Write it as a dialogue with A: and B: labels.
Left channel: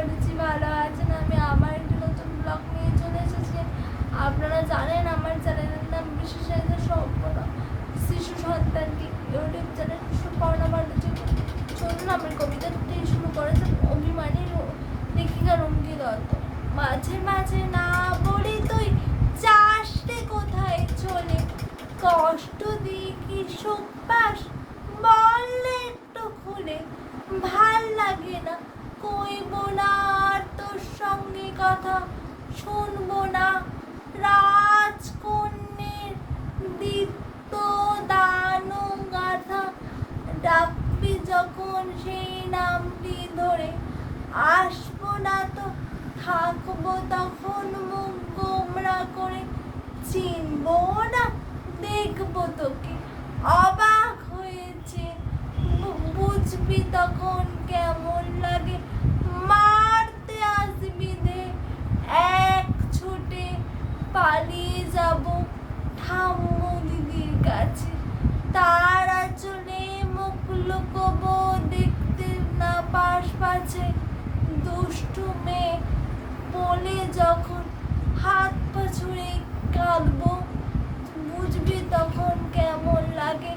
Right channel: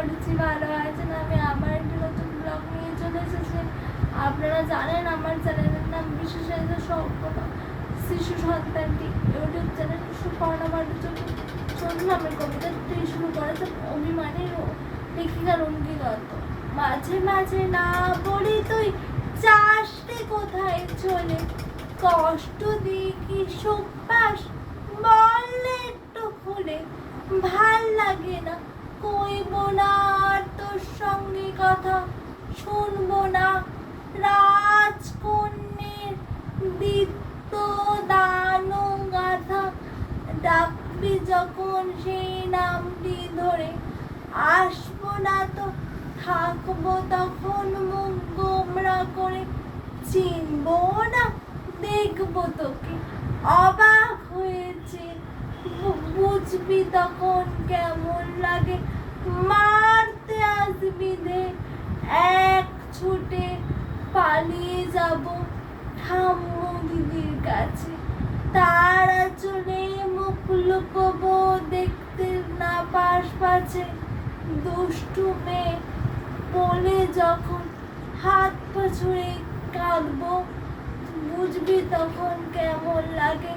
A: করেছি ভালো আছেন। আমি আবার একটি নতুন ব্লগ নিয়ে চলে এসেছি। আপনারা জানেন আমার চ্যানেলের নাম বিশেষায়িত সম্পন্ন শিশু সন্তানটি ইউটিউব চ্যানেল সুপর্ণা ভট্টাচার্য চলুন। আমি কবিতাটি শুরু করেছেন অভিমানী লেখিকা রঙ্গি দত্ত। মাঝে মাঝে না বলি তুই, চাষতে কোথায় চলে? কষ্ট দিয়ে কি পাস বললে একটু খুলে ভালো লাগে না কইব না আর তোর সঙ্গে কথা শুনব না। রাজকন্যের দিত্য দানো গাথা ডাকবি যখন সেই নামটি ধরে। আসব না তো, থাকব তখন মুখ গোমরা করে। চিনবো না, দেখব তোকে। অবাক হয়েছে বুঝবি তখন কেমন পালিয়ে যাব। ঠাম্মু দিদির কাছে। তার চলে মুখ লুকব দেখতে না পাশ পাশে দুষ্টু মেয়ে বলে যখন হাত পা ছুঁড়ে কাঁদবো। বুঝবি তখন কেমন লাগে।